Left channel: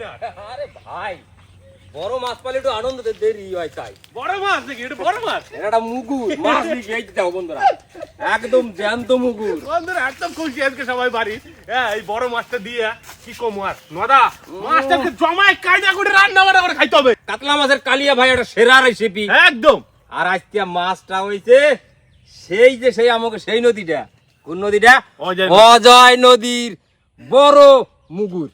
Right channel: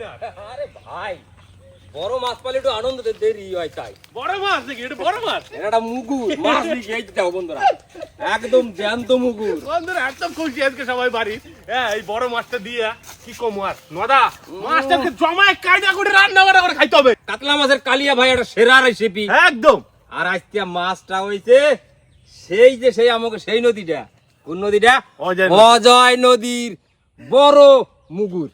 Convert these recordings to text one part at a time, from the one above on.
আপনার? আরে ভাই বড় মাছ পালে একটু আনন্দ দেরি হয় তাই। বড় মাছ নাকি? এটা বড় মাছ? এটা মুগুর মাছ দেখি এই দেখো বন্ধুরা, একদম জ্যান্ত মুগুর। বন্ধুরা একদম খুশি আজকে সবাই বাড়ি। হ্যাঁ এই বড় মাছটা দিয়ে কি কম আর নদা মাছটাকে জমায় কায়দা করে রান্না বান্না করে খাইতে হবে। কাতলা মাছের কালিয়া ভাই একটা সেরা রেসিপি একদম। আর আজকে মাছটা হইছে সেই আমাকে সেই নদীটা, কোন নদীটা? অজয় নদীর বড় মুগুর।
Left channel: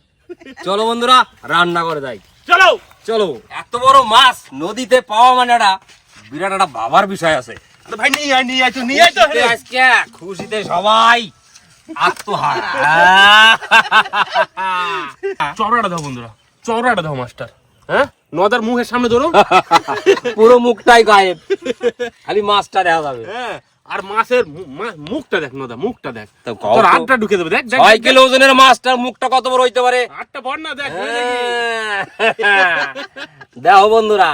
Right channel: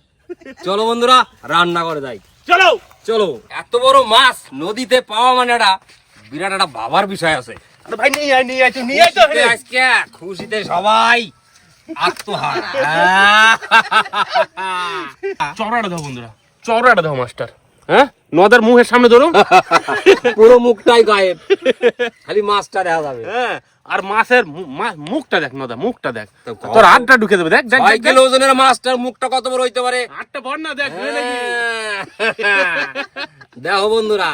চলো বন্ধুরা রান্না করে যাই। চলো চলো। এত বড় মাছ নদীতে পাওয়া মানে একটা বিরাট একটা ভাবার বিষয় আছে ভাই। নিয়ে আয় তো। আজকে খুশিতে সবাই আত্মহারা। চড়াটা দাও বন্ধুরা, চড়াটা দাও মাস্টার। হ্যাঁ নদের মুখের সামনে ধরো। পুরো মুখটাই গায়েব, খালি মাছটা দেখা যাবে। হ্যাঁ আর মাছের মুখটা দেখ নদা, মুখটা দেখ। তোর হাতটা ঢুকে দেবে। দেখ 6 কিলো ওজনের মাছটার মুখটা কত বড় হইতে পারে? হাতটা বড় না দেখ। দেখো বন্ধুরা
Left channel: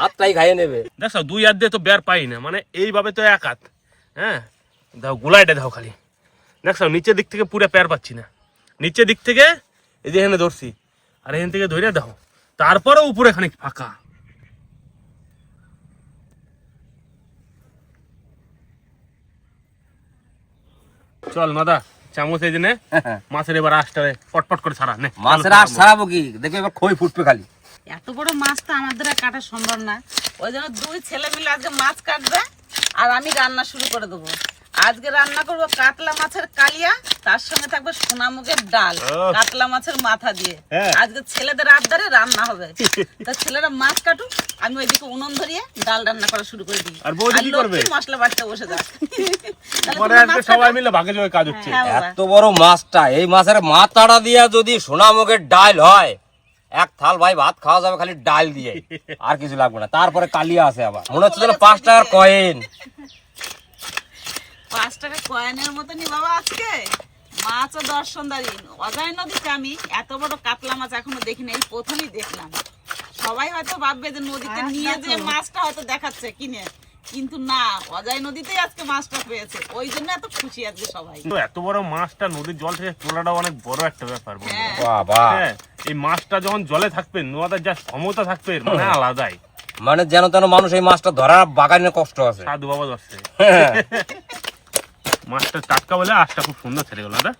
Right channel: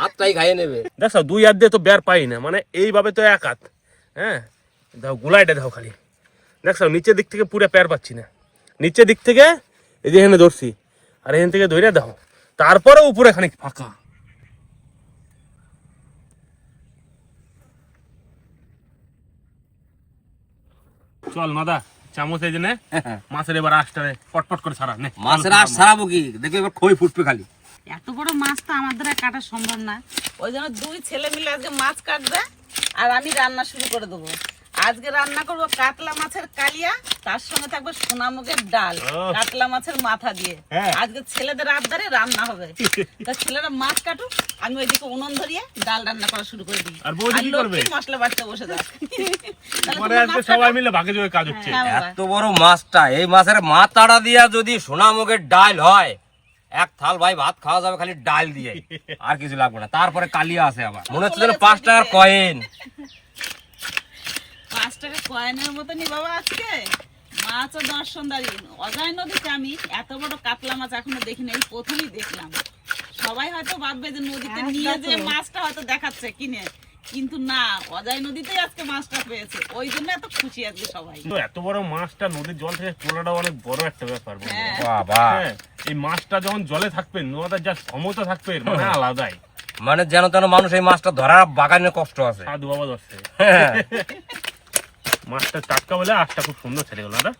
হাতটাই খাইয়ে নেবে। দেখো 2 হাত দিয়ে তো বের পাই না, মানে এইভাবে তো 1 হাত। হ্যাঁ দাও গোলাইটা দাও খালি। দেখছো নিচের দিক থেকে পুরো পের পাচ্ছি না, নিচের দিক থেকে এই যে এখানে ধরছি, আর এখান থেকে ধরে দাও, তারপরে উপরে খানিক ফাঁকা। চল নদা চামচ এই জন্য মাছের এবার আশটারে পটপট করে ছাড়া নে। মাছের আশ ছাড়াবো কি, দেখি এবার খই ফুটবে খালি। এত বড় মাছ তো আমাদের কাটা সম্ভব না, ওই জন্য 2 ছেলে মিলে আজকে মাছ কাটবে আর আমি রান্না শুরু করে দেবো। আজকে রান্না করব কাতলা মাছের কালিয়া, তার সঙ্গে থাকবে সোনামুগের ডাল কাতলা মাছের মাথা দিয়ে। আজকে ছেলেদের আবদারে রান্না হবে। তা ছেলেরা মাছ কাটুক, আমি ওইদিকে উনুন ধরিয়ে ডাল রান্না করা শুরু করে দিই। আর বৌদি কি করবে? মশলা বাটতে বসে যাক। পরে আজকে সবাই মিলে ভাগে যোগে কাজ হচ্ছে। এত বড় মাছটা, এই মাছের মাথাটা দিয়া যদি সোনামুগের ডাল হয়, এক থাল ভাই ভাত খাওয়া যাবে খালি ডাল দিয়ে, আর কিছু লাগবে না। তারপরে কালিয়া আছে আবার, মনে হচ্ছে যেন 5 টাকার কয়েন। 5 টাকা কয়েনের মতনই বাবা। আজকে মাছ ও দর্শনদারি অজয় নদীতে আমি এত বড় কাতলা মাছ এখনো দেখিনি, এই প্রথমই দেখলাম। সবাই হয়তো ভাববে যে নদীতে নিয়ে যে মাছটা হয়তো দেখাচ্ছে কিনে, কিন্তু না, অজয় নদীতেই আজকে মাছটা পেয়েছে, ওই জন্য এত খুশি আজকে সবাই। এত বড় মাছটা নদীর জল থেকে তোলাটা অনেক বড় একটা ব্যাপার। বাবা এই মাছটা যখন জলে থাকবে, নদের যা ক্ষমতা থাকবে মানে আলাদাই। মানে যেন তেন মানুষ এই মাছটা ধরার বাগানে কষ্ট আছে। সাধু বাবা ধরছে মাছটা টাটকা বলে আশটা খুব সুন্দর ছেড়ে গেল। দাদা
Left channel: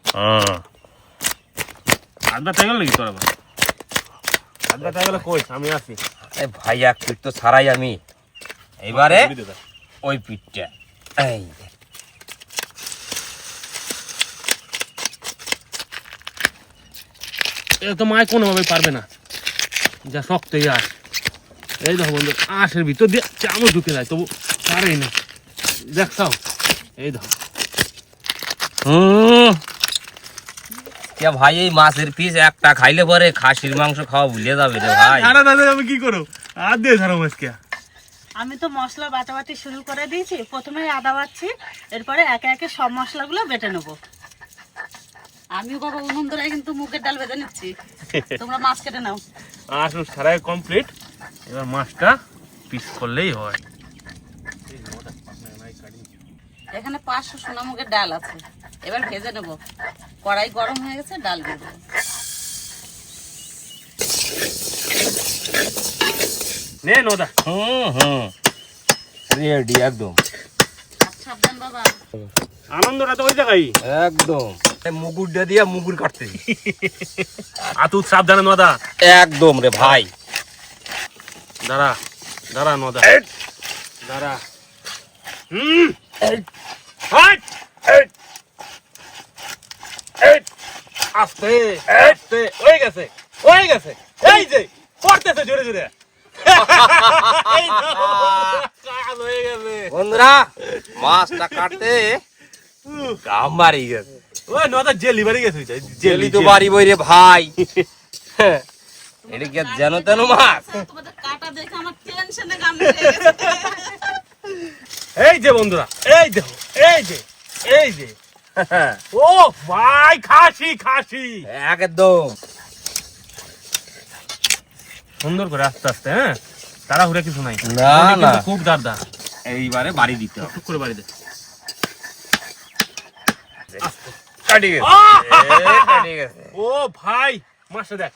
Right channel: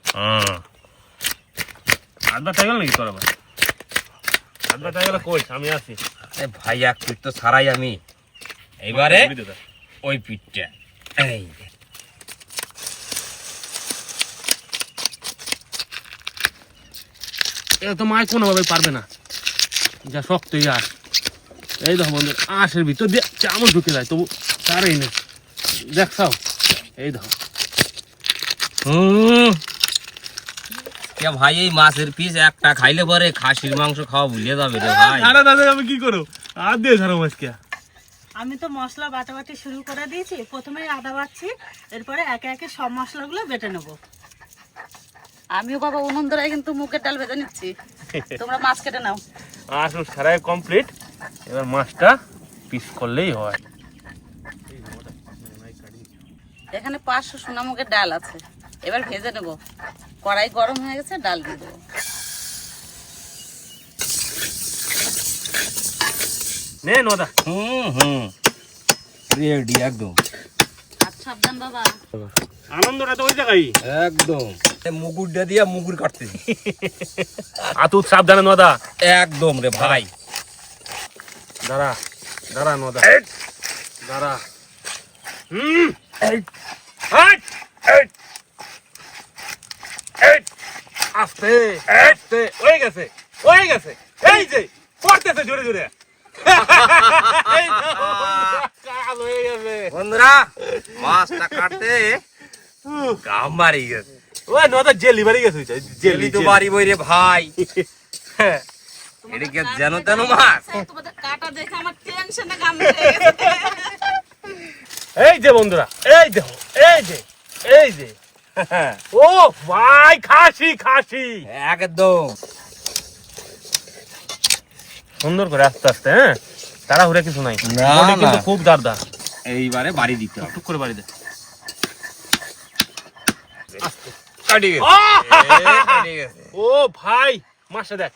হাত ব্যথা গেল নাকি তোর? আবার হাত ব্যথা গেলে কই, আমি আছি। ভাই এক পিঠ তো ছাড়াই আমি, এইবারে ওই পিঠটা। এই এটা তো মায় কোনোভাবে পারবে না, যা শক্ত এই আশ। এই দেখো বন্ধু আশের ভিতর দিয়ে চামচ ঢুকে যায়, তবু ছাড়েই না। দেখছাও এই দেখো। ভাই এই মাছের পিস একটা খাইলে পরে খাসির মাংস খাওয়া ভুলে যাবে রে ভাই। দাদা দাদা আমি কি করো, আর দিয়ে ধরো মাছকে। আমি তো মশলা বাটাবাটি শুরু করে দিয়েছি, প্রথমে আদা বাটছি, এরপরে একে একে সব মশলাগুলো বেটে নেবো। আমিও বাবা উনুন ধরে কিন্তু মুগের ডাল ভেজে নিচ্ছি, তোমরা মাছ কেটে নাও। আসল সারাই কমপ্লিট, এবার মাছটা পিস করলেই হয়। এখানে 500 সোনামুগের ডাল আছে, এবার ভেজে নেবো। কড়াই গরম হয়ে গেছে, ডাল দিয়ে দেবো। নে নদা। রেডি একদম। সাবধান বাবা, আনন্দটা তো ওই জায়গায় একদম। মুগুরটা দিয়া মুগুর কাটতে আতুত সাবধানে নদা। একদম রে ভাই। দাঁড়া দাঁড়া নদা, দাঁড়া। আস্তে আস্তে হয়ে গেছে, হয়ে গেছে। এই যে পড়তেছে জোরে জোরে। বন্ধুরা মাছটা কাটতে গাম মারি গেছে। ওই নদা জেলি বাড়ি গেছে, জেলি তো বাড়ি বই রে ভাই। এদিকে যেন তেন মাছ। তোমাদের কাটা দেখে আমার টেনশনে গাম ধরে গেছে। এই যে বন্ধুরা, এই দেখো, এই যে, এই যে, ও ভাই খাসি খাসি একদম সুন্দর করে আস্তে আস্তে। হ্যাঁ তাড়াহুড়া কিছু নাই, না না খুব দারদা। এইবারে বাড়ি দিতে হবে, টুক করে বাড়ি দে। কাটি গেছে। ও ভাই মাছটা দেখ,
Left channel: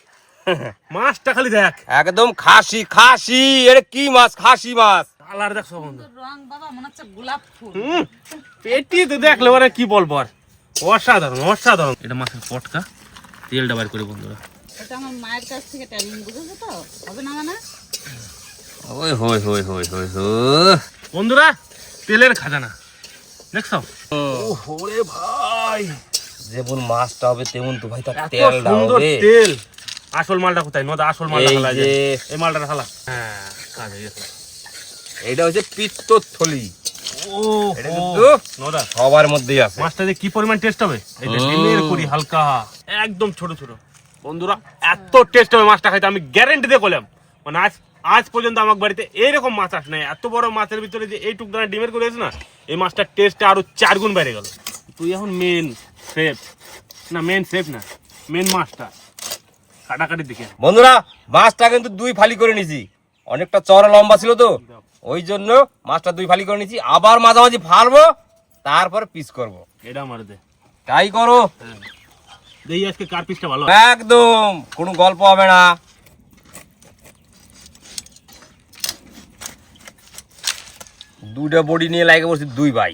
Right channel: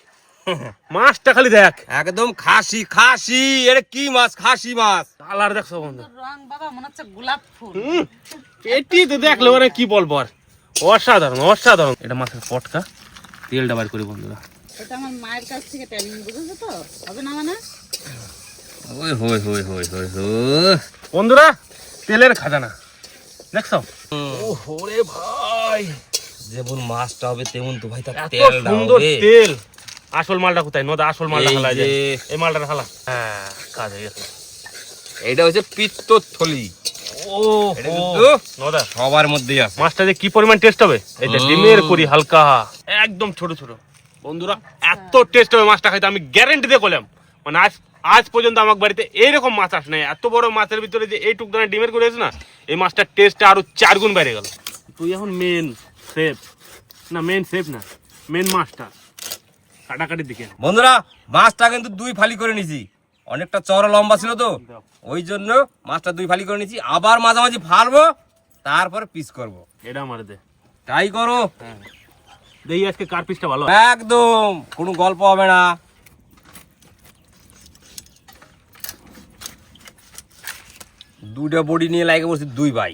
মাছটা খালি দেখ, একদম খাসি খাসি। এটা কি মাছ? খাসি মাছ। কালার দেখছো বন্ধু, রং বাবা মনে হচ্ছে গোলাপ ফুল। পেটি তো দেখলে মানে কি বলবো আর, অসাধারণ অসাধারণ। এটা মাছের পটকা, তেলটা বার করে বন্ধুরা। এটা আমার মায়ের কাছ থেকে ট্রেনিং, বুঝেছো তো? হবে না মানে? ওই হই হই হই হই হই। বন্ধুরা তেলের খাজানা দেখছো? ওরে ভাই, যেমন মাছটা হবে তেমন তো ভাই তার এত তেলটা সুন্দর হবে। তেল। আসল মালটা কোথায়? নদা আসল মালটা এই খালা, যে। এই মালটা খালা। হ্যাঁ কাজ হয়ে গেছে। এইটা হচ্ছে পিত্তথলি। ও এটা কিন্তু নদা সবার মধ্যেই আছে। মাছটা যে কি পরিমাণ টেস্ট হবে, এই যে ডিমের করি হালকা, একদম ছোট ছোট। বন্ধুরা এত টেস্ট হবে মাছটা খাইতে, আমি গ্যারান্টি দিয়ে বললাম। মানে আজ পর্যন্ত আমার বাড়িতে এইরকম মাছ আসে নাই। এত বড় মাছের ভিতরে যে এইটুক দানা ডিমের করে আছে না, এই মাছটার টেস্টটা আরো 4 গুণ বেড়ে গেল। তুই এখন মেন শেফ না, মেন শেফ না, মেন মাছটা কাটাকাটির দিকে। বন্ধুরা মাছটা কিন্তু 2 ফালি করে নিছি, অনেকটা চওড়া লম্বা ছিল তো ওই জন্য মাছটা 2 ফালি করে নিছি। আবার মাঝামাঝি ফালবো, তারপর পিস করব। এটা আমার দে, তাই করো। হ্যাঁ দেখি আজকে কার পিসটা ভালো। একদম কোনো গল্প হবে না। দুইটা বডি নিয়ে লাগে বসছি 2 ভাই।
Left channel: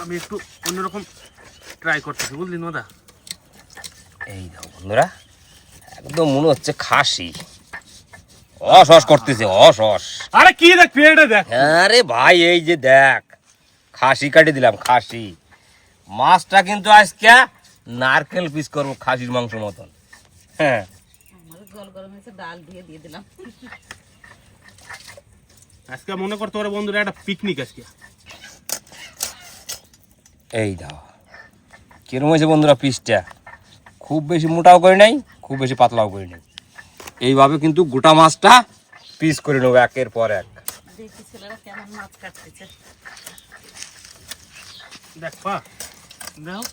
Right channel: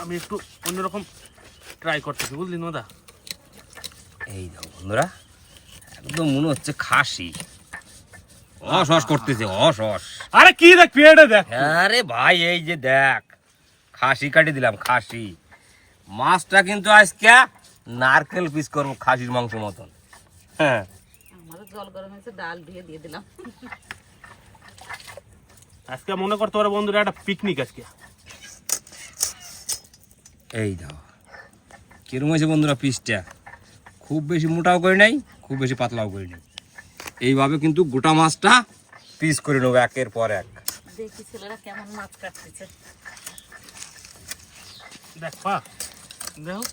আমি একটু অন্যরকম ট্রাই করতেছি, বুঝলি নদা? এই দেখো বন্ধুরা, একদম মনে হচ্ছে খাসি। অস করতেছে, অস। আরে কি দেখ পেটে দেখ। আরে ভাই এই যে দেখ, খাসি কাটি দিলাম, খাসি। মাছটা কিন্তু আজকে নারকেল পিস করবো খাসির মাংস মতন। হ্যাঁ আমার জল গরম হয়েছে, ডাল দিয়ে দিলাম। আজকে মনে করতে পারো বন্ধুরা একটা পিকনিক আজকে। এই দাও কিরম হয়েছে বন্ধুরা পিসটা। খুব বেশি মোটাও করে নাই, খুব বেশি পাতলাও করে নাই। এইভাবে কিন্তু গোটা মাছটা পিস করে নেবো একের পর এক। দেখি ছেলেরা কেমন মাছ কাটতেছে। দেখ পা দেখো,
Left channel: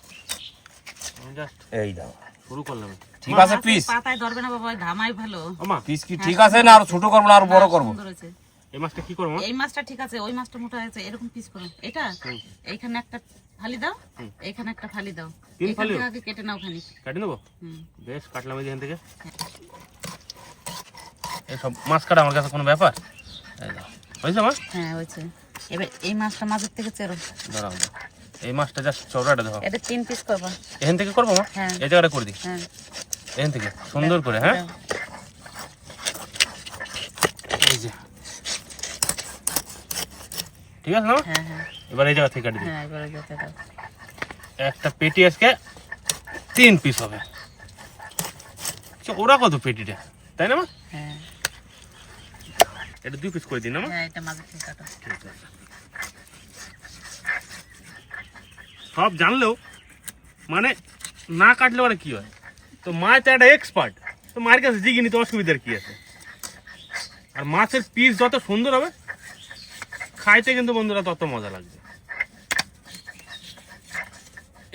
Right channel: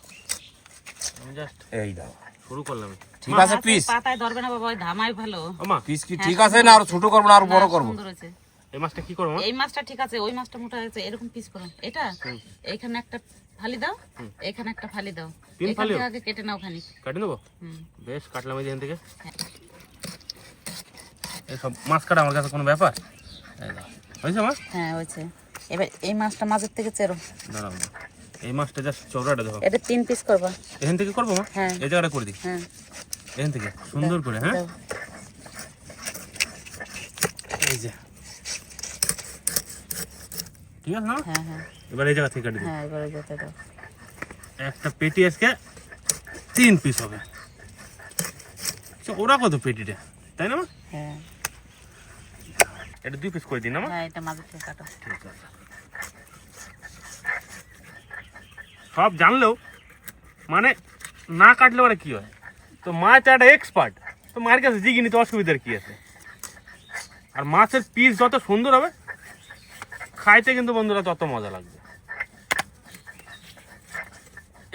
আমি জাস্ট এই দাও শুরু করলাম। ঠিক আছে পিস। পাতায় ধরবে না বাবা, ওই ধামাই ভালো। আমা পিস কি ঠিক আছে না আরো ছোট করবো না আরো বড় করবো? সুন্দর হয়েছে। এই মাছটা কি করবো? এই মাছটা ঠিক আছে, ওই মাছটা মোটা হয়েছে, এরকম পিস করো। এটা এইখানে একটা ফালি দাও, এইখানে একটা ফালি দাও। 3 এখান ফালি থেকে আগে কেটে নাও খানিক। কাটি নেবো। হুম। বেশ কাটলাম এই যেখান থেকে। এইসব মাছ কাটা আমার কাছে কোনো ব্যাপার? এই দাও হয়েছে মাছ। হ্যাঁ হয়েছে। এবার এই মাছটা মাঝের থেকে চেরো। দাঁড়াও, এই মাছটা জাস্ট চওড়াটা দেখো। এটা 3 পিস করবা। এখান থেকে করবো মা? হ্যাঁ। এই জায়গাটা করে দিই, হ্যাঁ এখান থেকে সুন্দর করে। হ্যাঁ দাও। এই যে ঠিক আছে না? হ্যাঁ হ্যাঁ এবার এই জায়গা থেকে কাটি দিই। হ্যাঁ এবারে যেতে দাও। একটা পেটি আজকে 3 পিস হবে। আচ্ছা, ওরা কত পেটিটা, তাই না মা? হ্যাঁ এটা 2 পিস করে দিন না মা? হ্যাঁ এটা মাঝের থেকে কাটো। ঠিক আছে। সব জানলেও মানে না কাটলে ওরা কি হয়? তো মাছ একটা এক্সপার্ট, তো মায়ের কাছে জিগিনি, তো অসুবিধার কি আছে? আর মাছের পিস যত সুন্দর হবে খাইতে কিন্তু বন্ধুরা তত মজা লাগবে।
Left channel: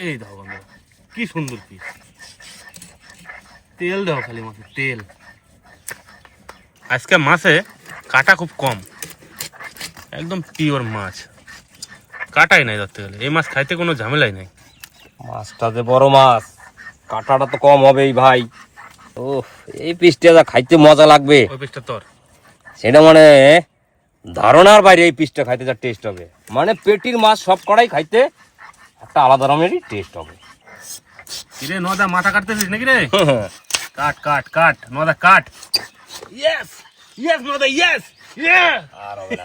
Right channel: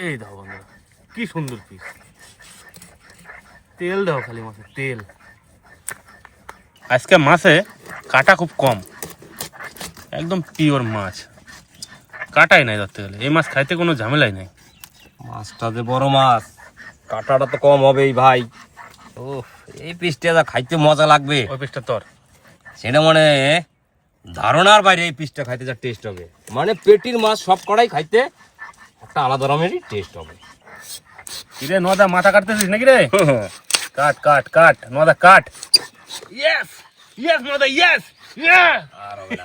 এই দেখো বন্ধুরা কি সুন্দর পিস। তেল দাও খালি মাছের তেল। আজকে মাছে কাটা খুব কম, একদম পিওর মাছ, কাটাই নাই ধরতে গেলে। এই মাছ খাইতে কোনো ঝামেলাই নাই। মাছটা যে বড় মাছ, কাঁটাটা তো কম হবেই ভাই। ও এই পিসটা যা খাইতে মজা লাগবে ওই পিসটা তোর। সেটা মানে ধারণার বাইরে। এই পিসটা খাইতে যা টেস্ট হবে, মানে পেটির মাছ সব কড়াই খাইতে একটা আলাদা রকমেরই টেস্ট হবে। কিরে নদা মাথা কাটতেছিস নাকি রে? কাট কাট কাট নদা কাট। ইয়েস ইয়েস নদা ইয়েস। আর হবে না।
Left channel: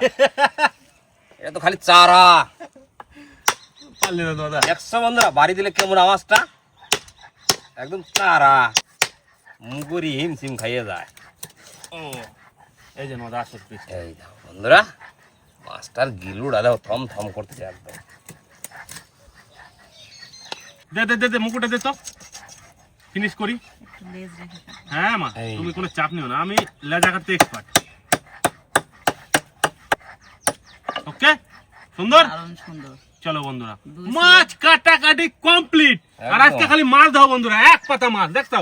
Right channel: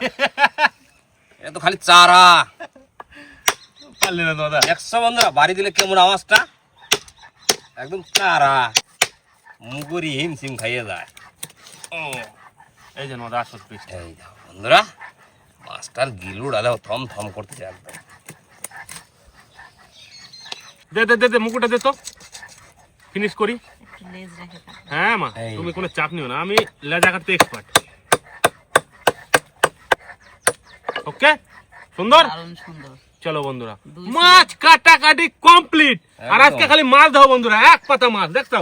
এটা তো খালি চারা। পারলি না নদা। 100 বন্ধুরা বাড়ি দিলে কেমন আওয়াজটা, একদম চারা মুগুরি হিমসিম খাইয়ে যায়। এই যে নদা আসল পিস। এই দাও বন্ধুরা, মাছটার গিলু ডালে থম থম করতে একদম। দে দে দে দে মুকুটা দে তো, ফিনিশ করি। একটু লেজ রেখে দাও। হ্যাঁ মা এই। তুমি কোনো চাপ নিও না, আমি লেজা কাটতে এক্সপার্ট। ওকে সুন্দর। দারুণ সুন্দর। চলো বন্ধুরা মাছ কাটাকাটি কমপ্লিট। আর আজকে খালি মাছ দাও বন্ধুরা, এক পাতা মাছ দেখছো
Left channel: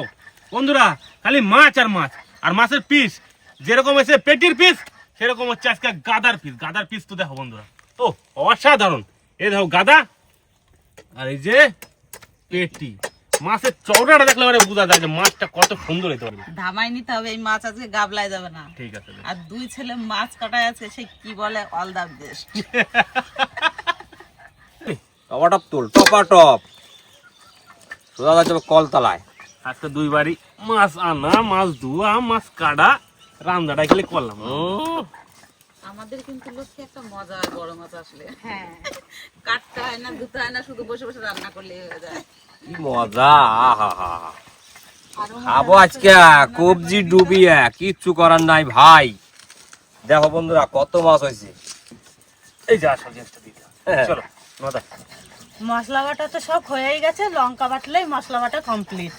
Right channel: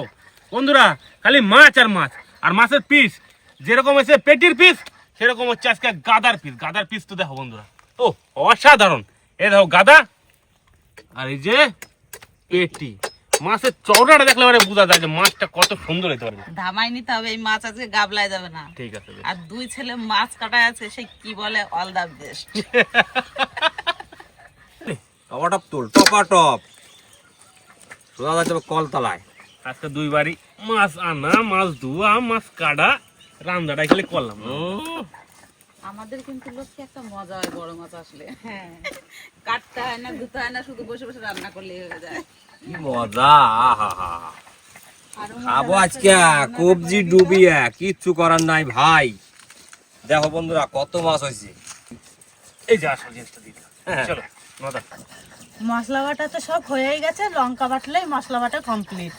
বন্ধুরা, খালি মাছ আর মাছ। আর মাছের পিস যেরকম হয়েছে পেটির পিস, সেরকম হচ্ছে আজকে গাদার পিস। গাদার পিস তো দেখো বন্ধুরা, ও অসাধারণ। এই দেখো গাদা, আর এই যে পেটি, মাছের চওড়াটা দেখলে মানে বোঝা যায় যে মাছটা কত সুন্দর হতে পারে। ধামাই নিতে হবে, এই মাছ আজকে গাবলায় যাবে না। ঠিক আছে। আর দুই ছেলে মাছ কাটায় আছে, সে কি বলে অল দা বেস্ট। টপাটপ তুল, টপাটপ সোজা যাচ্ছে কলতলায়। আজকে দুই বাড়ি মাছ আনা, মাছ ধোয়া, মাছ কাটা, রান্নাটা খালি করলাম। আমাদের কিন্তু লোককে একটা মজা হয় বড় মাছ আসলে, কাটতে হয় না, ধুতে হয় না, শুধু বসে বসে রান্না করলে হয়ে যায়। কি মজা! আরো খাবো আজকে কবজি ডুবিয়ে, কিচ্ছু করার নাই ভাই। দেখো বন্ধুরা কত মাছ হয়েছে। এই যে আসল জিনিসটা দিতে চলো নদা। মশলা বাটা তো সব হয়েই গেছে, লঙ্কা বাটলেই মশলা বাটা কমপ্লিট।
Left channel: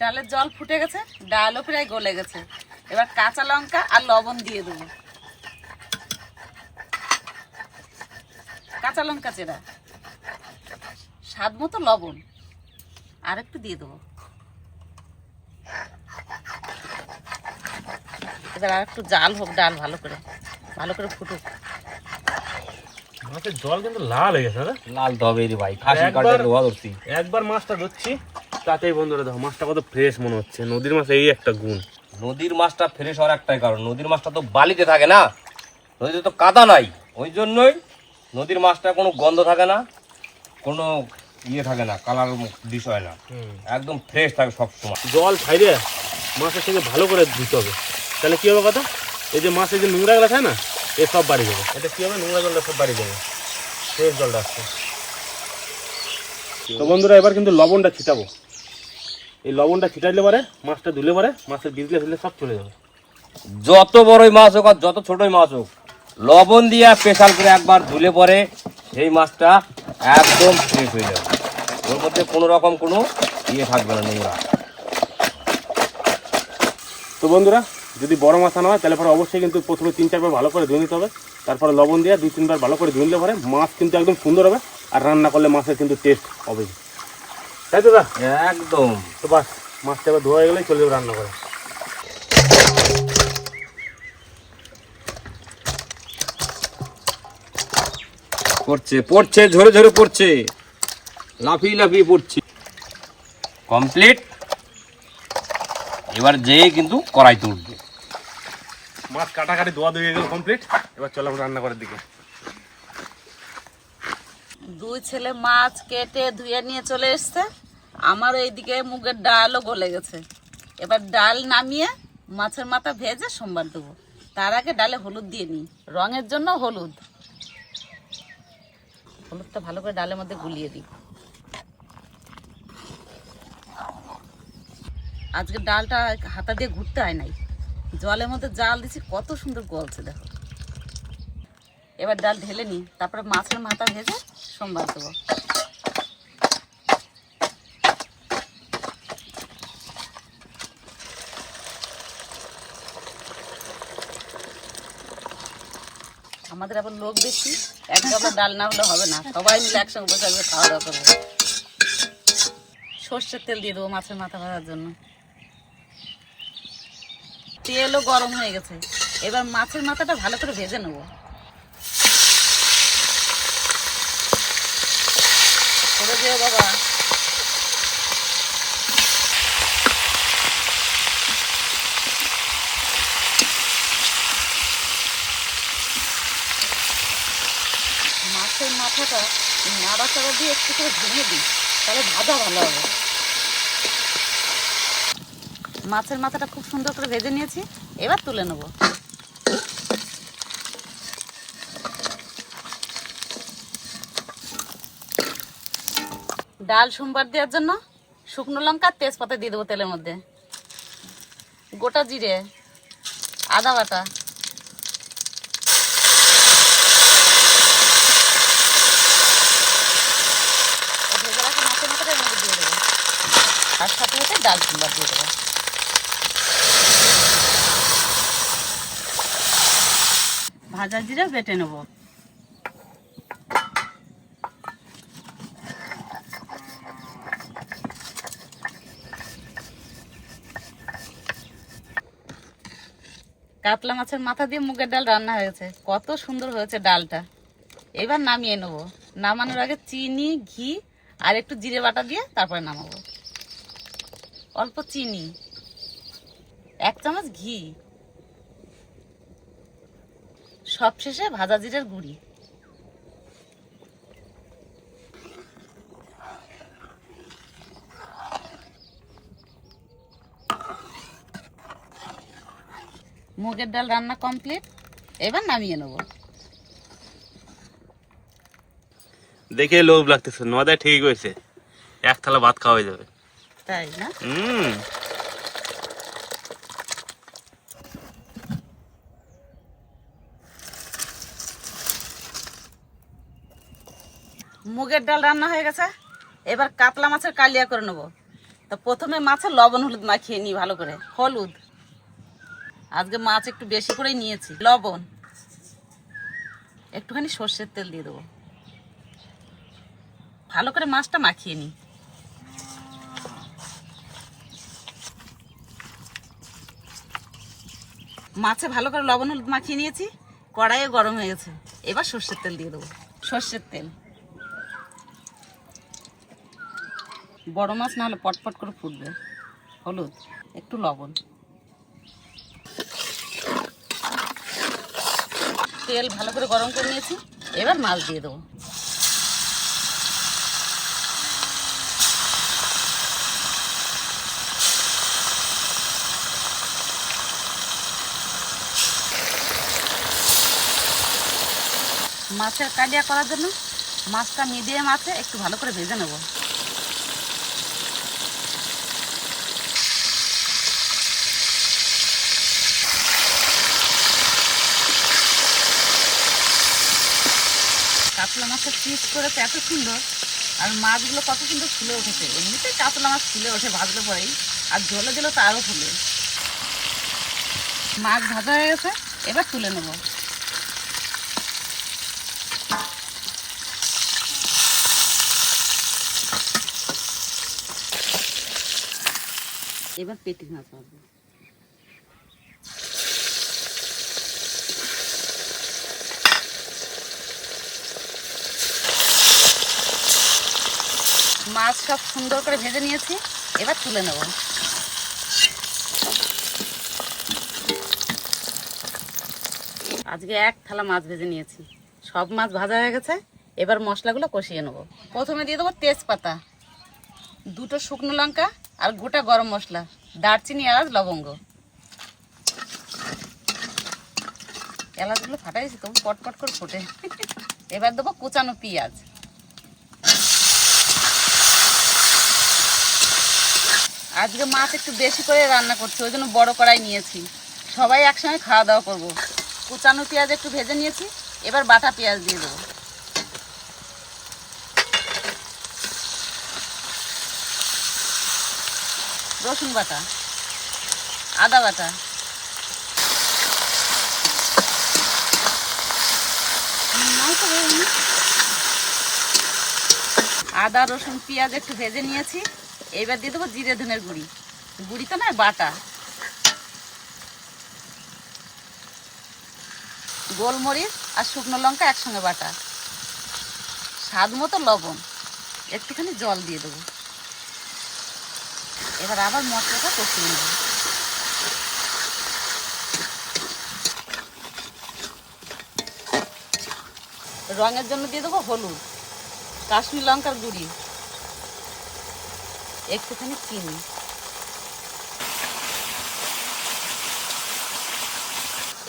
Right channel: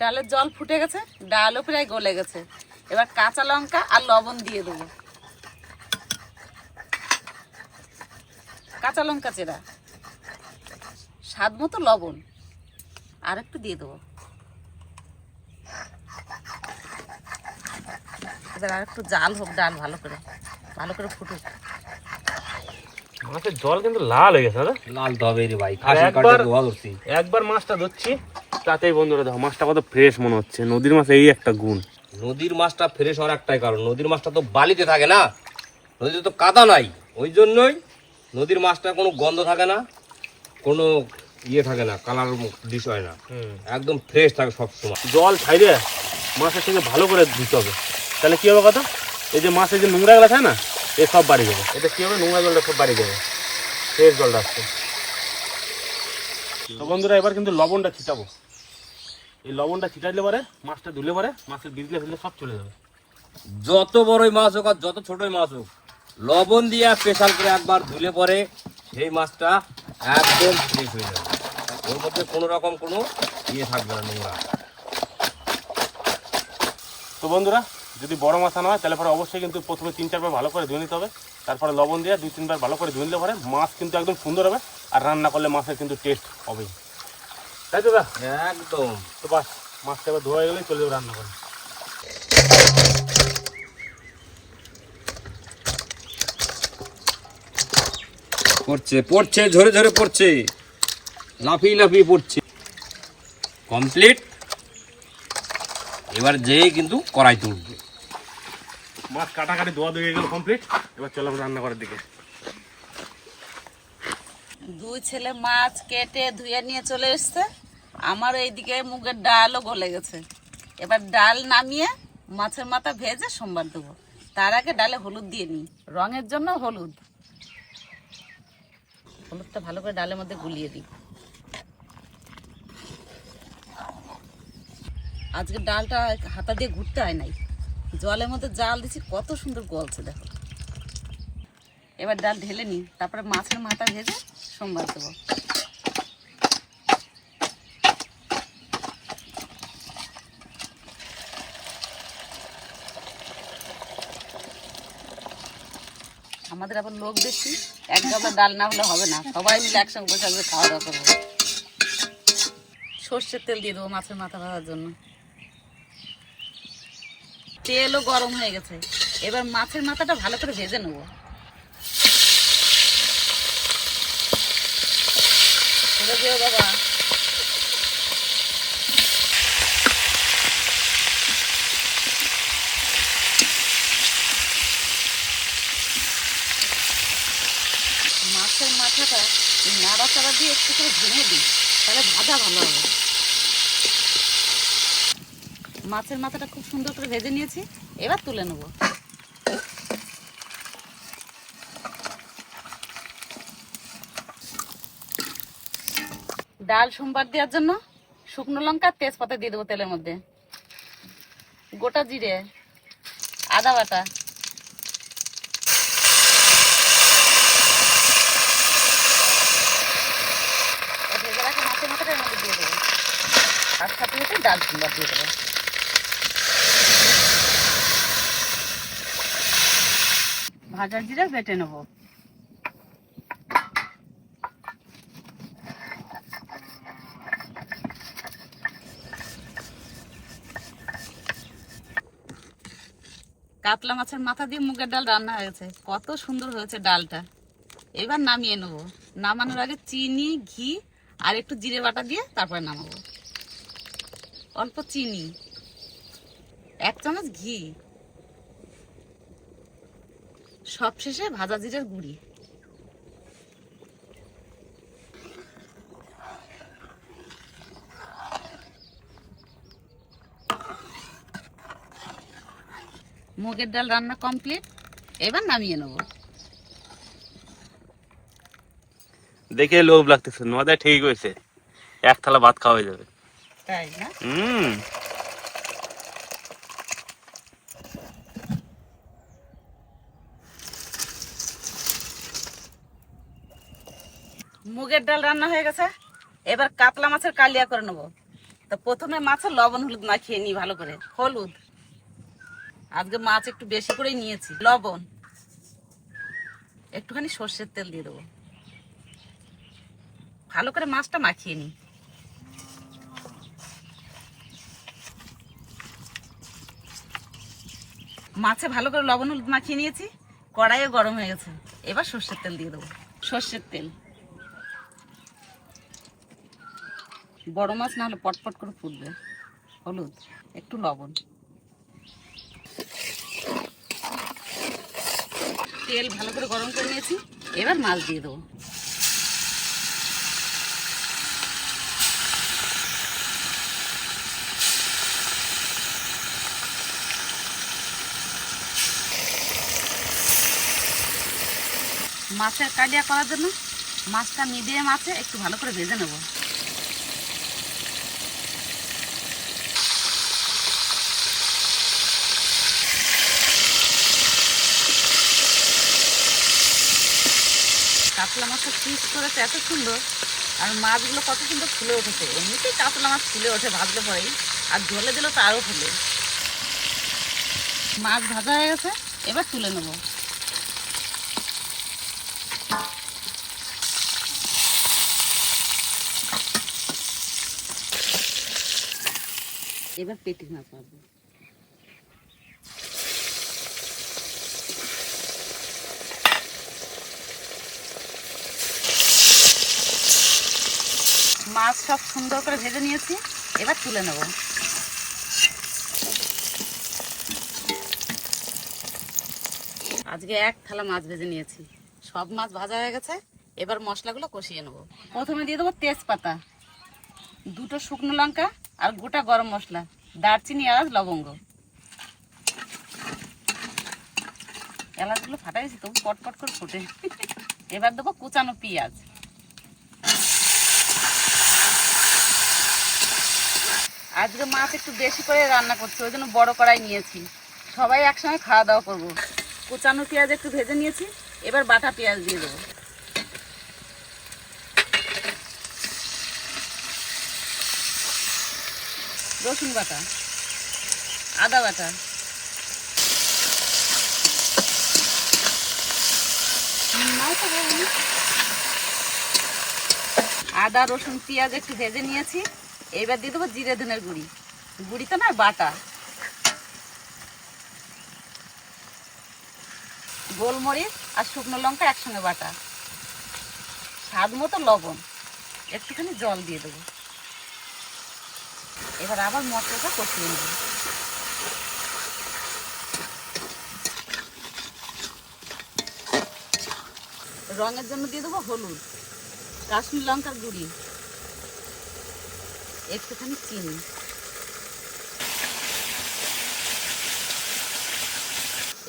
ডালের জল ফুটে গেছে, ডালও প্রায় গলে গেছে। এবার কাঁচা লঙ্কা আর লবণ দিয়ে দেবো, কাঁচা লঙ্কা চেরা, স্বাদ মতো লবণ আর একটু দিয়ে দেবো। এবার আর একটু জাল হোক, ডাল ভালো করে ফুটুক। মাছের জল কিন্তু লাল হয়ে গেছে। লাল তবে রে ভাই, খাসি কাটে তো ধরছি। একবার মাছটা ধরছি, তাতেই বন্ধুরা দেখো মাছটা কত ফ্রেশ মনে হচ্ছে। নদীর মাছ এই একটা গুণ। নদীর মাছটা ফ্রেশ হওয়ার একটাই কারণ, নদীর মাছটা তো বালিতে থাকে না, নদীতে তো কাদা নাই, ওই জন্যই নদীর মাছটা কোনো গন্ধ থাকে না, কোনো ইয়ে থাকে না, কালার বিষয় না, একদম ফ্রেশ থাকে সবসময়। জল ছাইরে মাছের থেকে ভালো করে ধুতে হবে, তাহলে কি হবে কথা, এই যে মাছের যে নোংরা গুলা থাকে না, এ সব বাড়ি যাবে। এটা কি হবে, নোংরা জলটা সব বাড়ি যাবে, ফ্রেশ জলটা আসছে। তো বন্ধুরা এবার কিন্তু লবণটা ছিটাবো। এই লবণটা ছিটাইলে পরে মাছটা ধুলে পরে মাছের বিজলে ফিজলে সব চলে যাবে। যত বড়ই মাছ হোক আর যত ছোটই মাছ হোক, লবণ দিয়ে স্পেশাল করে একবার ধুলে পরে সেই মাছটা একদম ফ্রেশ হয়ে যাবে, ওর মধ্যে কোনো রকম কোনো ইয়ে থাকবে না, নোংরা। তো বন্ধুরা যদি বড় মাছ আনা হয় তাহলে পরে অবশ্যই কিন্তু প্রথমে 3-4 বার ভালো করে ধুয়ে নিতে হবে, তারপরে লবণ দিয়ে 2-3 বার ভালো করে ধুয়ে নিলে পরে মাছ কিন্তু একদম সুন্দর হবে, আর রান্না করলে মাছের কিন্তু টেস্ট হবে, তাই তো? একদম। তো বাস মাছটা এবার ধোয়া হয়ে গেলেই চলে যাবে রান্না করে। পড়ছে ঝরে ঝরে পড়ছে, লাফিয়ে লাফিয়ে পড়ছে। কমপ্লিট। এবার যেই কিন্তু কড়াই তুলবে। মাছ কাটাকাটি ধোয়া ধুয়ে গেল কমপ্লিট, এবার চলো রান্না করার দিকে। দুই ছেলে মাছ কেটে ধুয়ে নিয়ে চলে এসছে, আমার এইদিকে মুগের ডালও গলে গেছে। এবার ডাল নামিয়ে মাছের মাথা ভেজে সোমবার দেবো। তার আগে ডালে হলুদ দিয়ে নিই, রঙের জন্য হলুদটা ভালো করে ডালের মধ্যে গুলিয়ে দিই। আজকে ডালটা হাতা দিয়ে ঘুরতে হয় নাই, জলের মধ্যে জাল দিচ্ছি, কত সুন্দর গলছে দেখো। এবার ডাল ঢেলে নিই, তারপরে মাছের মাথা ভেজে সোমবার দেবো। আমাদের আবার লোক বেশি, এক গাবলা ডাল না হলে হবে না, সবাই মিলে একসঙ্গে বসে আসবে, খাওয়া দাওয়া করবো। সর্ষের তেল দিয়ে দেবো মাছের মাথা ভাজার জন্য। তেলও গরম হয়ে গেছে, এবার মাছের মাথাটা ভালো করে ভেজে নেবো। বাবা মাছের মাথাটা নাড়াচাড়া দিয়ে একটু করে ভেঙে দিই, তাহলে ভাজা ভালো হবে। মাছের মাথাটা খুব সুন্দর করে ভেজে নিয়েছি, এবার তুলে নেব। ডাল সোমবার দেওয়ার জন্য শুকনো লঙ্কা তেজপাতা দিয়ে দেবো তেলের মধ্যে, গোটা জিরে, আদা বাটা, মাছের মাথাটার মধ্যে দিয়ে দেবো, আর সাথে সাথে ডাল সোমবার দিয়ে দেবো। ভাজা জিরা বেটে নেব। কাতলা মাছের মাথা দিয়ে মুগের ডাল রান্না হয়েছে, কত সুন্দর হয়েছে ডালটা। এবার নামিয়ে নেবো। নামানোর আগে চিনি, ঘি আর একটু জিরে বাটা দিয়ে তারপরে নামাবো। অল্প চিনি, 1 চামচ ঘি, সবশেষে ভাজা জিরের গুঁড়ি। মুগের ডাল রান্না কমপ্লিট, এবার নামিয়ে নেব। দেখে লোভ লাগতেছে, নদায় ঠিক হয়েছে, 1 থালা ভাত খাওয়া হয়ে যাবে। তাই না? মুগের ডাল রান্না হয়ে গেছে, এবার কাতলা মাছের কালিয়া করে নেবো। তো প্রথমে মাছের লবণ হলুদ মাখিয়ে নিই ভালো করে। হলুদ, আজকে মাছ একটু বেশি করে নিয়েছি। লবণ, একটুখানি সর্ষের তেল দিয়ে দেবো। ভালো করে মাছটা মাখিয়ে নিই। মাছে ভালো করে লবণ হলুদ মাখিয়ে নিয়েছি, কড়াইয়ে গরম হয়ে গেছে। এবার সর্ষের তেল দিয়ে দেবো। সর্ষের তেল, বড় মাছ না হলে পটপট করে ফুটবে। হলুদ, একটু লবণ, তেল ভালো করে গরম করে নিয়েছি। এবার মাছ দিয়ে দেবো। মাছের কালিয়া করার জন্য মাছটা মিডিয়াম আছে একটু ভালো করে ভেজে নেব। কাতলা মাছের পিস করেছে এত সুন্দর, আর মাছগুলো কত সুন্দর ফুলে উঠেছে। এমনিতেই কাতলা মাছ ফুলে ওঠে ভাজলে পরেই, আর ঝোলে দিলেও তো আরও ফুলে। মাছ ভাজা হয়ে গেছে, এবার তুলে নেব। এবার পেটি মাছ ভাজবো। মাছ সব সুন্দর করে ভেজে নিয়েছি, এবার তুলে নেব। আজকে 1 থালা মাছ ভেজে নিয়েছি, সব মাছ ভাজা হয়ে গেছে। এবার মশলাগুলো কষিয়ে নেব। প্রথমে দিয়ে দেবো তেজপাতা, 2টো শুকনো লঙ্কা আর গোটা গরম মশলা, দারচিনি, এলাচ, লবঙ্গ। এলাচগুলো ফাটাইছি তো, পটপট করে ফোটে। এবার দেবো কুচানো পেঁয়াজ। আজকে মাছ একটু বেশি করে রান্না করছি, ওই জন্য বড় কড়াই নিয়েছি। সবাই একসঙ্গে খাওয়া দাওয়া করবো। কুচানো পেঁয়াজ একটু ভেজে নিয়েছি, এবার বাটা পেঁয়াজ দিয়ে দেবো। রসুন বাটা, আদা বাটা, আদা রসুন পেঁয়াজ একটু ভেজে নিয়েছি। এবার দিয়ে দেবো জিরে ধনের গুঁড়ি, গুঁড়িতে না বাটা, গোলমরিচ আর শুকনো লঙ্কা একসঙ্গে বাটা, স্বাদ মতো লবণ, একটুখানি জল দিয়ে দেবো। এবার আবার মশলাটা কষিয়ে নেব। রঙের জন্য দিয়ে দেবো হলুদ, কাশ্মীর লঙ্কার গুঁড়ি, একটুখানি চিনি।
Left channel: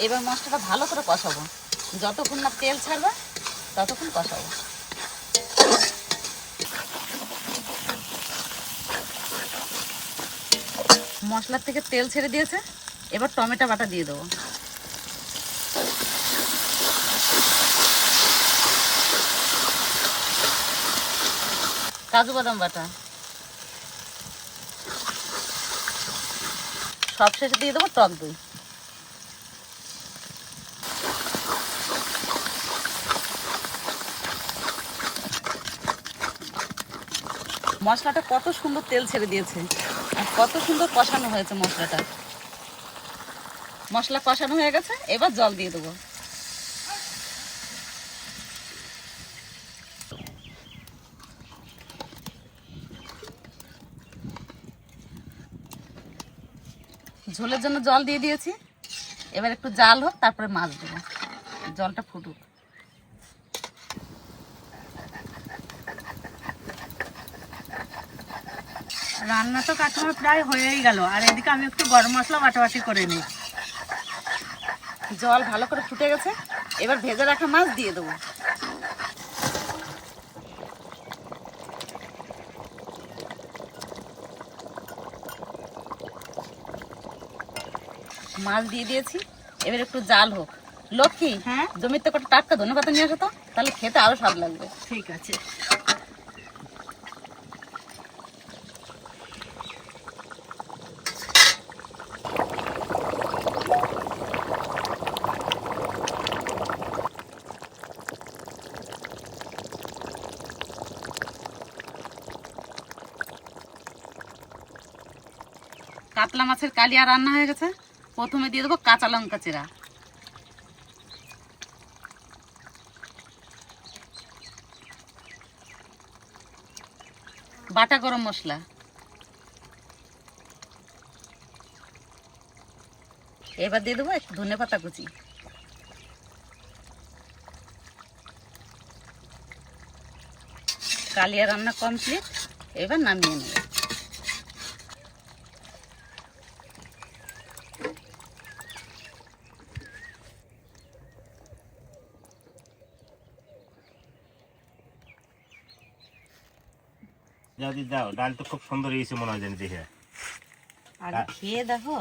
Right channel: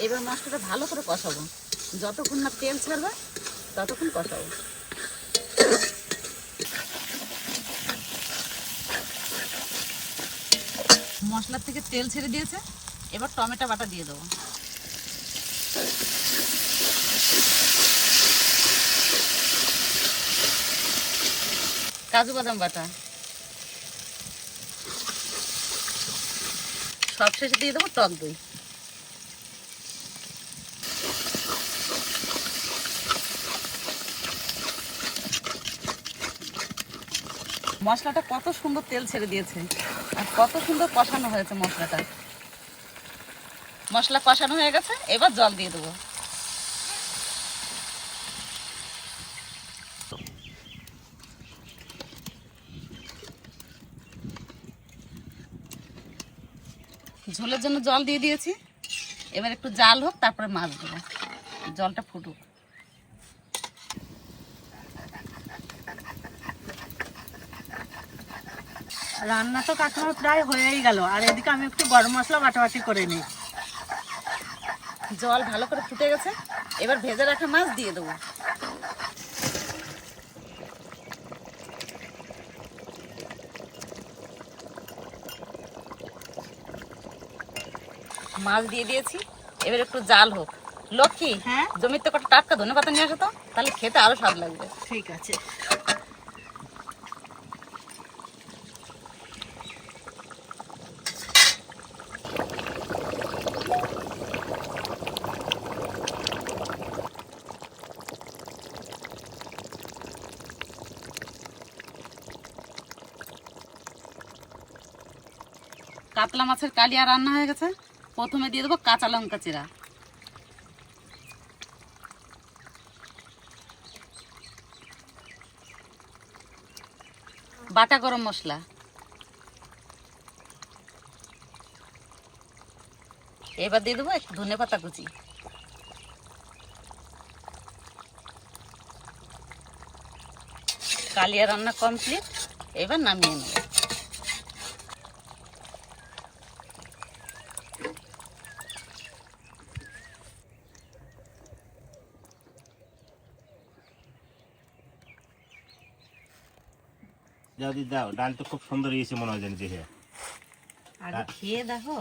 এবার মশলাটা ভালো করে কষাবো, যতক্ষণ না তেল ছাড়বে ততক্ষণ কষাবো। মশলার থেকে তেল ছেড়ে দিয়েছে, এবার টমেটো বাটা দিয়ে দেবো। কাজু বাদাম বাটা, সবশেষে দিয়ে দেবো টক দই। মশলাটা কত সুন্দর তেল ছেড়ে দিয়েছে, আর কত সুন্দর কষানো হয়েছে মশলাটা। মশলা কষানো হয়ে গেছে, এবার জল দিয়ে দেবো। ঝোলের জন্য জল দিয়ে দিয়েছি, এবার একটু জাল হোক, তারপরে মাছ দেবো, জলটা ফুটুক। রান্না তো কাকিমা প্রায় হয়েই গেল, আর এদিকে আমি একটু গরম মশলা বাটাবাটি করে নিই। জল ভালো করে ফুটে গেছে, এবার ভেজে রাখা মাছ দিয়ে দেবো। মাছ দিয়ে দিয়েছি, এবার একটু জাল হোক। লক্ষ্মী, হ্যাঁ? জমিতে কটা টাটকা ধনেপাতা নিয়ে আসো তো, তাহলে খেতে আরো স্বাদ লাগবে। ঠিক আছে। কাতলা মাছের কালিয়া রান্না হয়ে গেছে। প্রথমে দিয়ে দেবো কাঁচা লঙ্কা চিরা, বাটা গরম মশলা, এবার দিয়ে দেবো একটু ধনেপাতা কুচি। কালিয়া রান্না কমপ্লিট, এবার নামিয়ে নেব। দাদি দাও, ডাল তো খুব সুন্দর হয়েছে মনে হয়, জানি দেখে। আগে খেয়ে দেখো।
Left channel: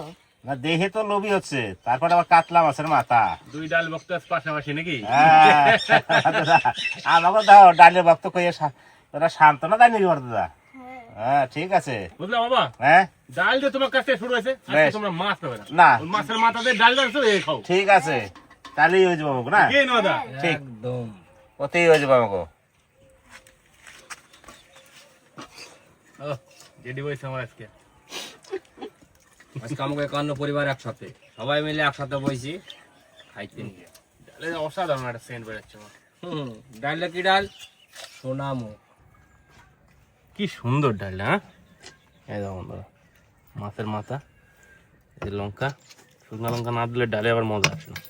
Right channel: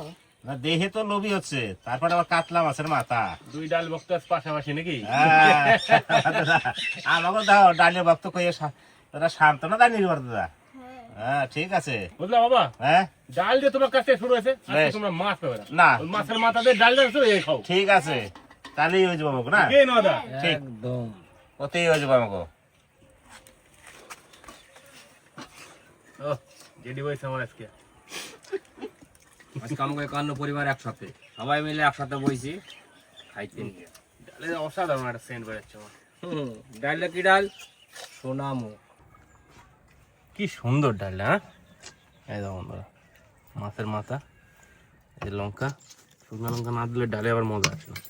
না দেখে তো লোভী হচ্ছে, তারপরে আবার কাতলা মাছের মাথা। দুই ডাল বক্তাস পাশাপাশি নাকি? আমাকে দাও ডালের ভক্ত কইয়ে তোরা সান্ত্বনা দেয় নির্ভর দাদা। হ্যাঁ ঠিক আছে। বুঝলা বাবা, হ্যাঁ ডাল যে তোমার কাছে শুরু হয়েছে, আজকে বেশ। তোমরা মাছ পাবে না। না ওই মাছের মাথা দিয়ে ডাল ডালছো, এই খাও। ঠিক আছে, তাহলেই হয়ে যাবো আমাকে না। কে নদা? ঠিক একদম ওতেই হয়ে যাবো আমাকে। যেটি হয়েছে আমার আজকে। আজকে আমাকে একান্ন পরিবার একসাথে, সবাই মিলে একসাথে বইছি খাইতে নিয়ে। ডালের অসাধারণ একটা সেন্ট বেরোচ্ছে আমার। ডালটা কি ডাল? সোনামুখ। কি সুন্দর ডালটা, হ্যাঁ? এই দেখো বন্ধুরা, মাছের মাথা, এই লঙ্কা, শুকনো লঙ্কা না দিলে ডালে আবার মজা আসে না।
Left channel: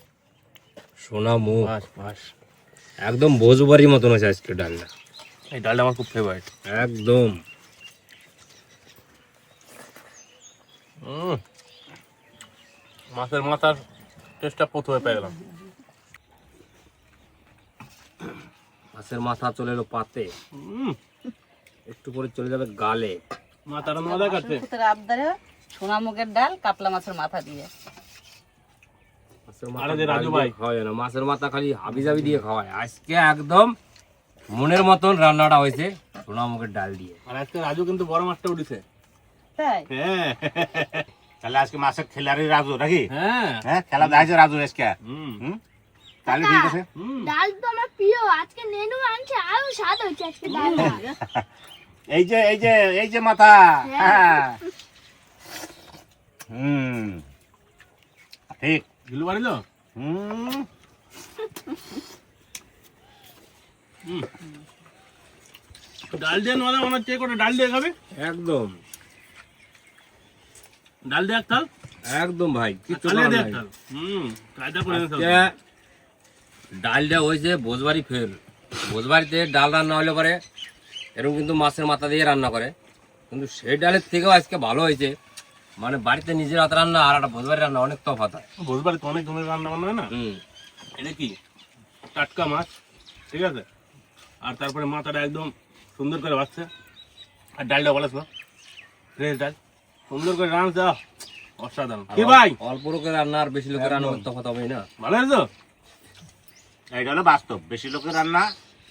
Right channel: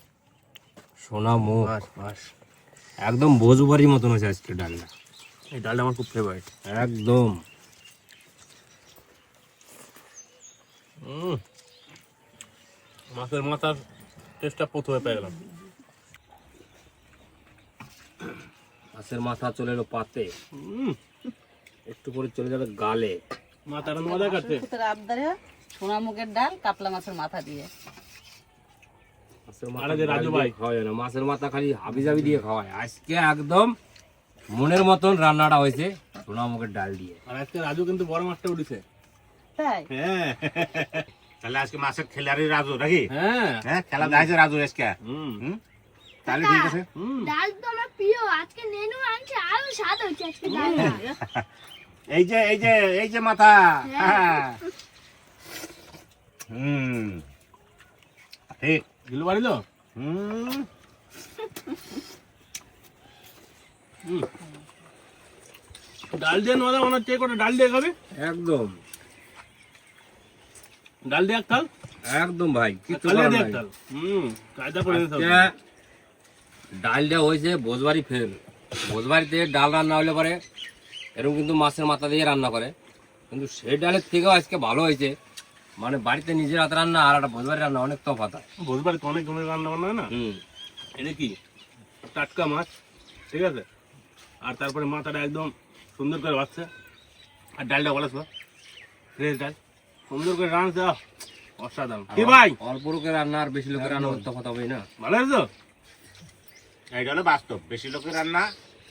সোনামুখ বাস বাস, একদম ভোজবাড়ির মতন আছে আজকে ডালটা, এই ডালটা আমার খুব ফেভারিট। একদম। মাছের মাথার টেস্টটা প্রথমে পেয়ে গেলাম। মাছের মাথা চলে এলো পাতে, একটু করে চলে যাবে গালে। মাথাটা মজা কাটছে। আবদারে সোনা মুগের ডাল কাতলা মাছের মাথা দিয়ে। মাছের আরে যে মাথা রাজু ভাই। খাওয়ায় না, মাছের মাথা খালি হাবি জাবি দিয়ে খাওয়ায়। আজকে একদম মনের মতন রান্নাটা হয়েছে সোনামুখের ডাল দিয়ে। আর আজকে রাজু কিন্তু বড় মাছটা উঠেছে। তাই হ্যাঁ তাহলে আজকে মাছের খেলারই রাজু নাকি? হ্যাঁ, হ্যাঁ খেলা দেখাইছে রাজু আজকে। তাহলে ঠিক আছে। ডাল তো আমার প্রিয়, আজকে নেনু আনছে, আরো স্বাদ হচ্ছে আজকে ডালটা। এই যে এই যে এই যে মাথা। হ্যাঁ হুম ঠিক। গিলু বাড়িল। হুম ডাল দিয়ে মজা মনে হচ্ছে, করে ডাল দিয়ে খাবে। একদম ডাল দিয়ে এক থাল, একদম ভাই, কিছু কালিয়া করার দিয়ে এক নাই। থাল। কায়দা করে নিতে হবে। আজকে ডালটা হয়েছে ভোজবাড়ি ফেল। ভোজবাড়িতে ডাল রান্না হলে পরে এরকম কিন্তু মাছের মাথা দিয়ে রান্না করে, কিন্তু সেই ডালের থেকেও আজকে ভালো হয়েছে। মানে বাড়িতে নিজের হাতে রান্না আর একটা ভোজবাড়ি রান্না অনেক তফাৎ হয়। ভোজবাড়িতে অনেক ধরনের রান্না বান্না হয় না। এটা কি টাটকা মাছ, ঠিক আছে, আর তারপরে মাথাটা একদম সুন্দর করে বাচ্ছে, আর ডালটা বলেছিল ফ্রেশ ডাল, সুন্দর করে রান্না দেওয়া, অসাধারণ। কি ভাই, অল্প লোকের রান্না আর বেশি লোকের রান্না তফাৎ হবেই না। ভালো হয়েছে? এটা হলো বাস্তব, বেশি লোকের রান্না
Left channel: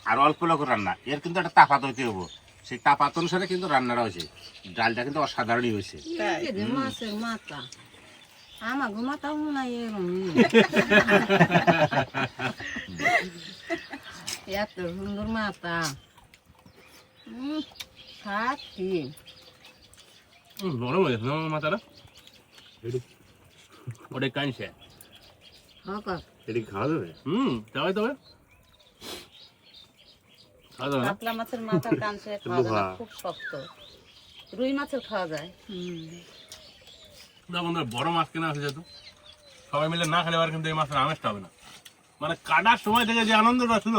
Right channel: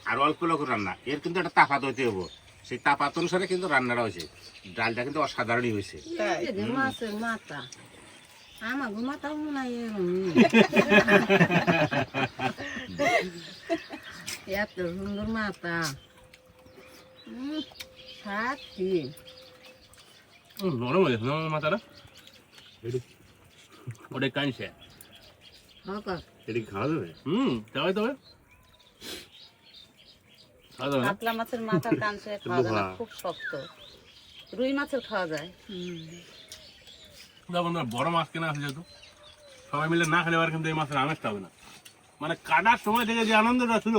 আর অল্প লোকের রান্না এর কিন্তু একটা তাপাত হইতে হবো। সেই তাপাত অনুসারে কিন্তু রান্নাটা হয়েছে। ডালটা কিন্তু অসাধারণই হয়েছে। মাছের মাথা আমার ঘুমাতাও নাই, এত সুন্দর মাথা খাচ্ছি। নরম হয়ে গেছে না আমার মাথাটা। ওটা কাঁচে এটি খাওয়া যাবে? তবে তবে খাওয়া যাবে না? কাতলা মাছের মাথা কাঁচে খাওয়া যায় না, খুব শক্ত। রুই মাছের খাওয়া যায়। দাও বন্ধুরা, বড় মাছ কেনা আছে যেহেতু সবাই মিলে না খেলে আর কিন্তু এই মাছের আমেজটা হবে না। মানে কাটার সময় থেকে যে আনন্দটা ছিল,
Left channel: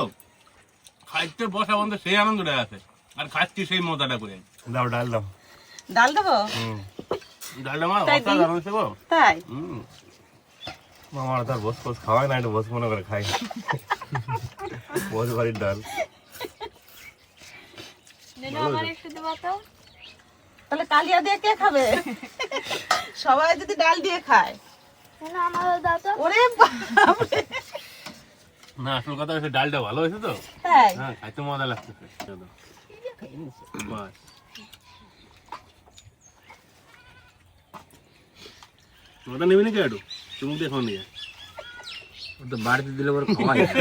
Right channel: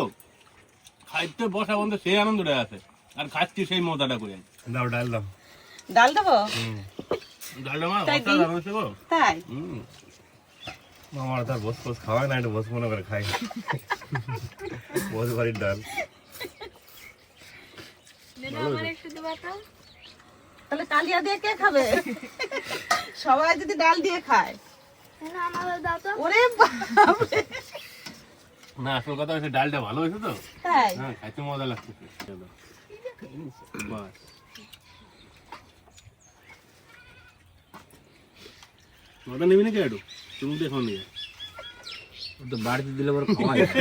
খাইতে বসা বন্ধ সেই আনন্দটা আছে, আর খাচ্ছি সেই মজাটা করে। দাও ডাল দাও। ডাল দেবো? ডালটা মা তাই দিই? অসাধারণ হয়েছে গো। তাই? আমার তার বস বস খাওয়াই না, একটু বস মনে করে খাই। বস বাড়ির ডাল। নেনু আমার একটু দেবা তো। তাহলে কালিয়া দিয়ে কে খাবে? সবাই যদি ডাল দিয়ে খায়। নেনু আমারও দাও তো। ওরে বাপরে। না, আসল কথা হচ্ছে ডালটা ভালো হয়েছে তো, তাই? হ্যাঁ খাইতে মজা লাগতেছে। চলো। বাস। ওটা নেবি নাকি একটু? তুমি দেখো নিয়ে। ও তো বাড়িতে দিলে পরে খাওয়াই না।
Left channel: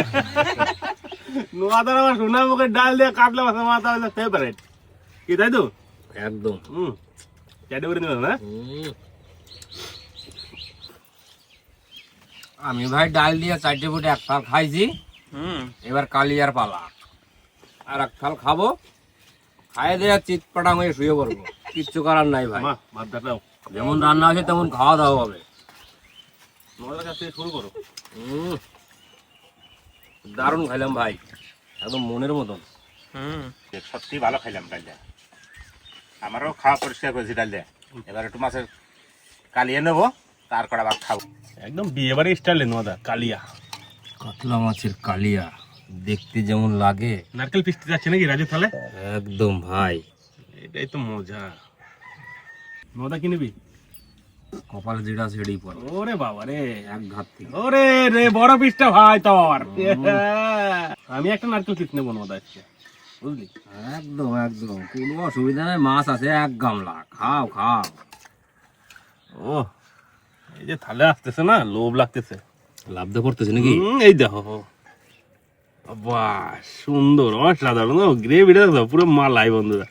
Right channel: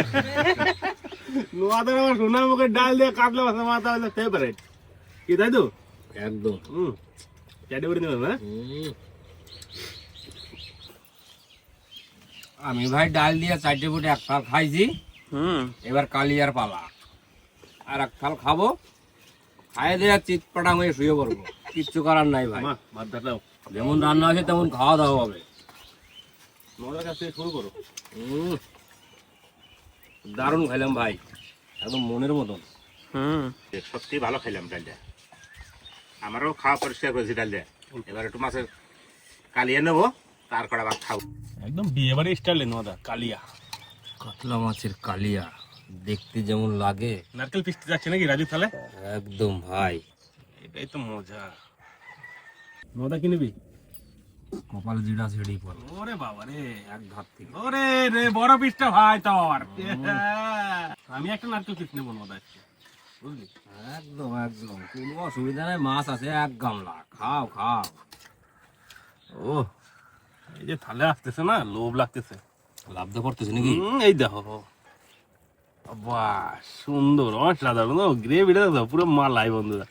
নোয়াদার আমার সোনা মুখের ডাল দিয়ে কাতলা মাছের মাথা হচ্ছে ফেভারিট, কি তাই তো? একদম। চাটে করে নিলাম না? আমি ভাই ডাল দিয়ে 4টে ফুটে এক থাল খাইছি, এবার কালিয়ার পালা। আর এক থাল খাবো, খাইয়ে দিয়ে চিৎপাটাং হয়ে শুয়ে পড়বো। কিচ্ছু করার নাই ভাই, মা ভাত দাও, যেমন রান্না হয়েছে তেমন খাওয়া দাওয়া হবে। নোয়াদার কাছ থেকে শুরু করো। দারুণ খাইলাম ভাই, একদম মনের মতন। সত্যি ভালো খাইলাম ডালটা। আমারও খাওয়া পরিষ্কার করেছি ডালটা। এবার একটু মাছের কালিয়ে নেবো, তার কটা ভাত খাবো। একদম বিয়ে বাড়ি স্টাইলে নোয়াদা কালিয়া। কাতলা মাছের কালিয়া দেখতে যেমন লাগে, নারকেল পিস্তি যাচ্ছে নাকি রাজু তাহলে? একদম ভাই। এটাই তো মজা। নোয়াদা কি নিবি? কপালে যেটা সেটাই পড়ে ওরে বাবা রে, এক ঘাত থেকে। ওরে রে বড় পিসটা ভাই তোর। আমি একটা নারকেল পিস নেবো নোয়াদা আজকে, বুঝলি? একদম একদম কোনো অসুবিধা নাই, মাছ আছে 1 গামলা, খাও খাও। ও এই যে থালে আসতেছে না, লোভ লাগতেছে। লাভ তো করতেছে নাকি? এই দেখো, বাহ সুন্দর, অসাধারণ গ্রেভিটা দেখো, পুরো মালাই বন্ধুরা।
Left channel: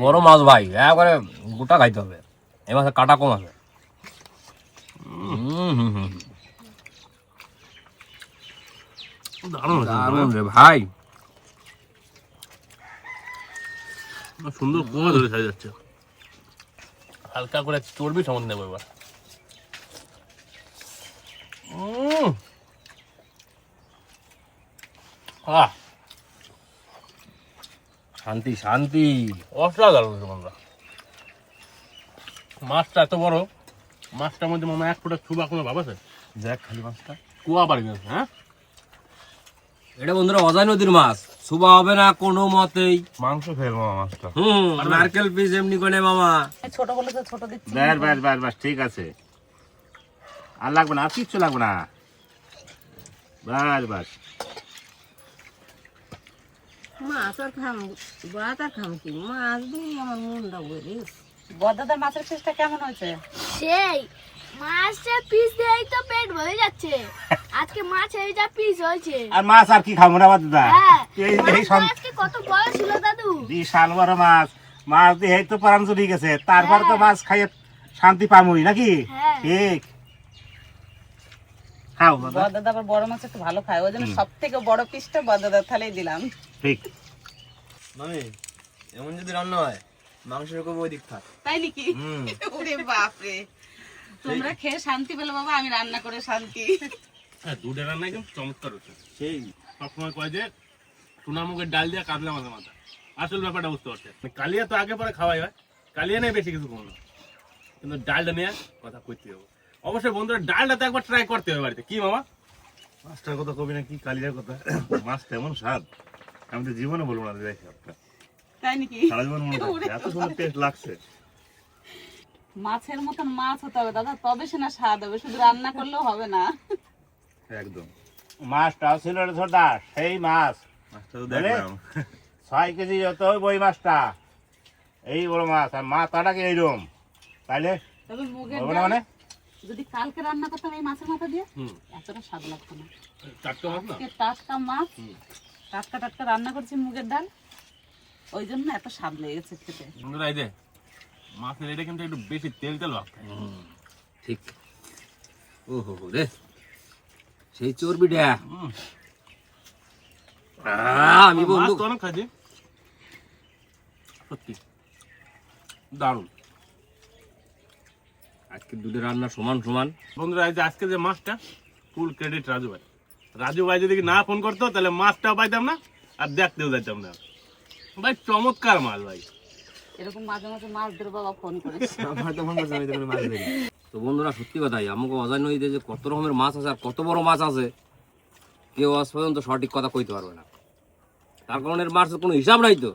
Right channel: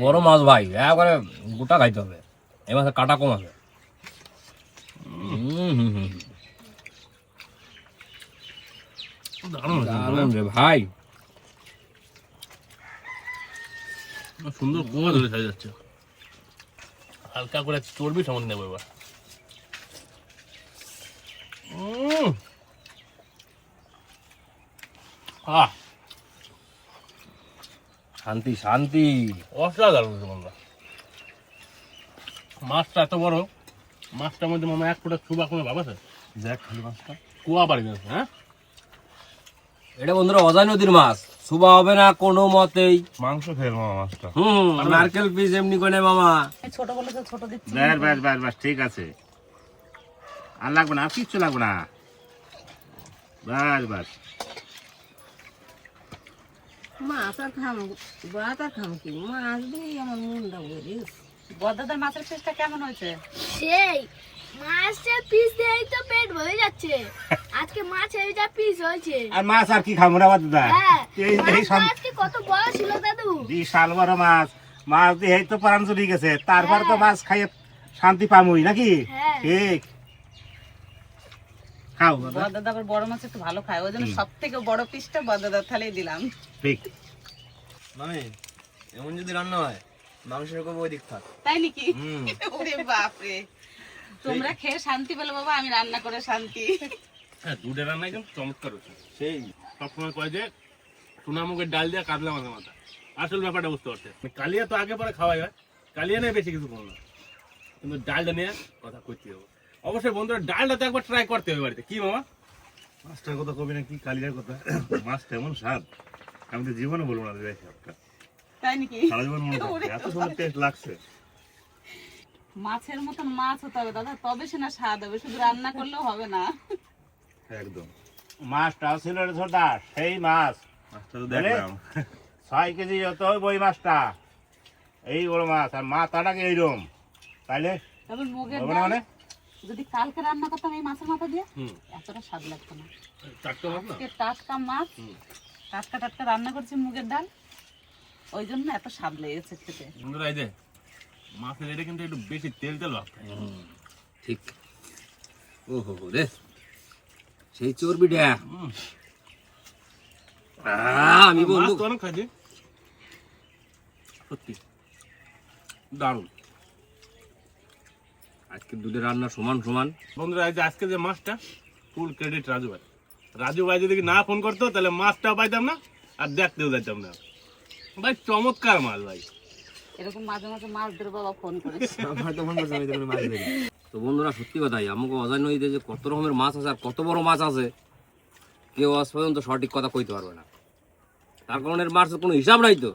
বড় মাছ ভাই, একবারে গোটা খাইতে হবে, এই মাছে কাটা কম আছে। দারুণ রে ভাই। সুন্দর কুয়া ধরে খাই যাচ্ছে। হালকা করে চর্বি সমান নেবো এবার। শান্তি শান্তি। অসাধারণ বন্ধুরা, মাছটা এত বড়, মাছটার মধ্যে মামা 1 ফুটা ছুবা কোনো ভাব আছে? দেখ খালি মাছটা। কুয়া বাড়ি গেছে। হ্যাঁ, এটা বন্ধুরা অজয় নদীর মাছ, শুবা হবে না কোনো মতেই। মাংস ফেল মামা মাছটা। নারকেল পিস এমনি করে মামা। ছোট বলে তো ছোট দিচ্ছি। ব্যাস ব্যাস ব্যাস ব্যাস, ঠিক আছে। আর লাগবে না, আর কিচ্ছু লাগবে না। ব্যাস ব্যাস। মাছ আর খাম, ভাত আর খাম কি? মাছ দিয়ে আমার মনটা বলি। বদাদার মাছের পিসটা কেমন হয়েছে? সেই মাছের পিস দিয়েই তো পেট ভরে যাচ্ছে। আজকে মাছের যা পিস হয়েছে। আর মাছ আর কি খাবো না দাদা? হ্যাঁ, এই মাছটা আজকে কত বড় ছিল দাদু। বিশাল বড় মাছ। মাছ দিয়ে এই তো প্রাণ চলে গেছে, তারপর তো মাছ খাইয়ে শান্তি পামুই নাকি? হ্যাঁ। ঠিক। খাও দাদা। বদাদা আবার বড় মাছ একটু ভালো খায়, ওই জন্য সব থেকে বড় পিসটা বদাদার থালেই দিলাম। ঠিক। মানে এমন যদি রান্না হয়, মাংসের উপর ওই দিক থাক। তাই নাকি? ওরে বাপরে, তোমরা খেয়ে শান্তি পেলে বাবা, আমি রান্না করে শান্তি। হ্যাঁ, দুধের রান্না একদম চমৎকার হচ্ছে। সেই সবসময় কয় যে সোনামুখের ডাল দিয়ে কাতলা মাছের মাথা, আসল ব্যাপারটা বুঝতে পারছে। কালিয়া তো আগে পরে খাওয়াই হয়, কালিয়া নিয়ে বেশি কিছু করো না, কিন্তু ডালটা নিয়ে কথা কইতে হবে। অবশ্যই বন্ধুরা, ডালটা তো একবার ট্রাই করতে হবে বাড়িতে, কি মামা? মাছটার কথা কবি না কি কালিয়ার কথা? মাছ কেমন স্বাদ, আমি তো জীবনে বলবো না দেখ একটা। তাই নাকি? সারা জীবন মনে থাকবে, এত সুন্দর টেস্ট লাগছে। মাছের মতন মাছ হতে হবে দাদা, তবে সে না স্বাদ হবে, শুধু রান্না করলেও হবে না। একদম। মাছটাও ছিল রে ছোটা, সেই মাছ। মাছটা তো দেখলাম 6 কেজি হতো ওই মাছটা, এই বড় মাছ, আর মাথাটাকে এইরকম, তাইলে তবে মুগের হবে না ডাল মানে? যদি কালকে রান্না করতাম এই মাছের মাথা দিয়ে, হুম, এতটা স্বাদ লাগতো না। টাটকা মাছ না? আজকে টাটকা মাছ, টাটকা টাটকা রান্না করছি মুগের ডাল, ওই জন্য এত স্বাদ লেগেছে খেতে। বন্ধুরা এই যে মাছের এটা কিন্তু একটু বেশি তেল তেল ভাব থাকে। ঠিক। ও হো হো রে, সেই চর্বিটা আমি বন্ধু মাছ তো অনেক খাইছি, সত্যি দারুণ। আজকে দুটো রান্না সমান সমান। বন্ধুরা এই যে আজকে যে মাছটা ফুল ক্রেডিট রাজু ভাই। রাজু ভাই যদি না ফোন করতো তাহলে মাছটাও পাইতাম না আর দেখতেও যেতাম না। ভাই চমৎকার মাছ ভাই। এরকম মাঝে মাঝে মাছ ধরে বাবা ফোন করে। তো বন্ধুরা সত্যি কথাই, আমাকে অজায় নদীতে যে কত রকমের মাছ আছে আর কত বড় মাছ আছে কেউ আজ পর্যন্ত সঠিক কথা কইতে পারবে না। তার কারণ এর মাছের কোনো হিসাব নাই তো,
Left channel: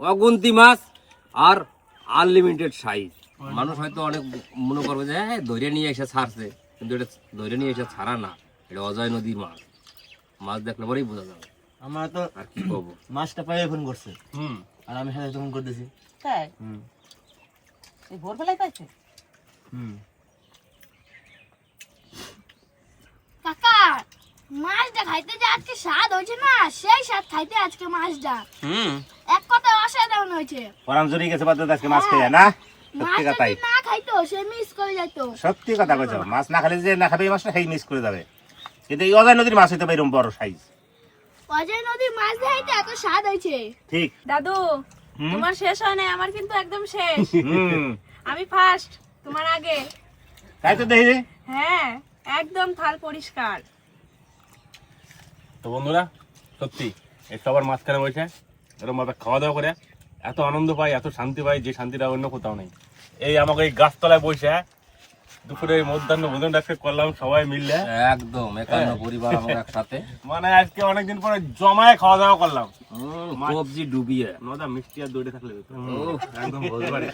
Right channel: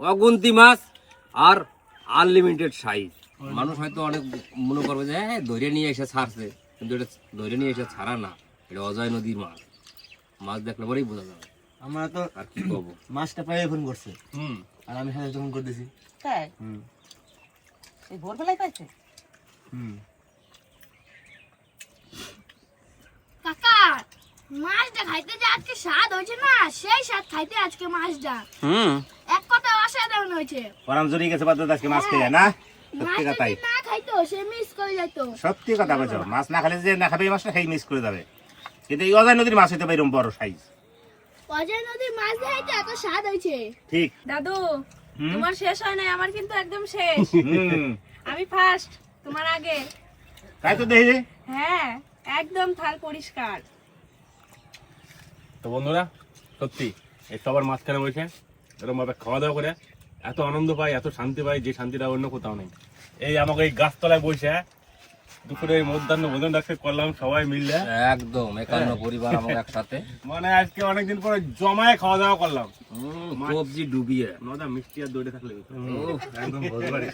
অগুন্তি মাছ আর আনলিমিটেড সাইজ। মানুষ হয়তো অনেক মনে করবে যে হ্যাঁ ধরে নিয়ে এসে ছাড়ছে, কিন্তু এটা ধরে নিয়ে এসে ছাড়া না, এটা অজয় নদীর মাছ। মাছ দেখলে পরেই বোঝা যাবে। আমরা তো আর কি বলবো, মাছটা পাইয়ে ফোন করছে হুম, আর আমি সাথে তখন করতেছি। তাই এই ভোরবেলায় পাইছে? কাকা, মাছটা খাইতে যে আজকে স্বাদ হয়েছে না, সেই স্বাদ খাইতে আজকে মাছটা এক কথা অসাধারণ হয়েছে। পরাম জড়িয়ে গেছে বাদ আজকে মাছ খেয়ে না, সত্যি মাছটা কথাই, যদি না খাইতো সে মিস করে যেত। সত্যি কথা কইছো। মাছ না খেলে যে না খাবে এই মাছটা সেই মিস করে যাবে। কিন্তু এই অজয় নদীর মাছ হইতে পারে এরকম বড় সাইজ। অজয় নদীর মাছ খাইতে এত স্বাদ হয়েছে। ঠিক। দাদু, তোমার শেষ হয় না, আমার কিন্তু একদম শেষ। হুম, আমি ফার্স্ট, তোমার আগে। তাই তো দেখি রে। হ্যাঁ, একদম থাল পরিষ্কার। তো বন্ধুরা সত্যি এই সবার মাঝখানে বসে এরকম ভাবে খাওয়া দাওয়া করে এত আনন্দ পাই, এত শান্তি পাই, যে শান্তিটা অন্য কোথাও নেই। এই আমাকে এই গাছতলায় বসে দুপুরে মধ্যাহ্ন ভোজনটা করলাম সবাই মিললে, একদম 51 পরিবার আমাকে একসাথে মানে আজকে অনেকদিন পরে জমায়ে খাওয়া দাওয়া করলাম। সবজি ডুবিয়ে নদা মিষ্টি আর দইটা থাকলে হতো। একদম বলতে পারি।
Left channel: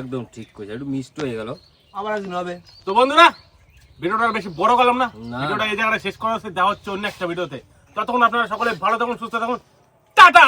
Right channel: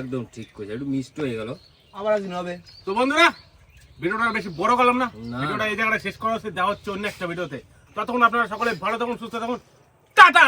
একদম ঠিক কইছে, একটু মিষ্ট হয়ে গেল। আবার একদিন হবে। তো বন্ধুরা ভিডিওটা আর বেশি বড় করলাম না, না। ভিডিওটা এই জায়গাটা শেষ করা হচ্ছে, দেওয়া হচ্ছে অন্য একটা ভিডিওতে। ততক্ষণ আপনারা সকলে ভালো থাকুন, সুস্থ থাকুন, টাটা।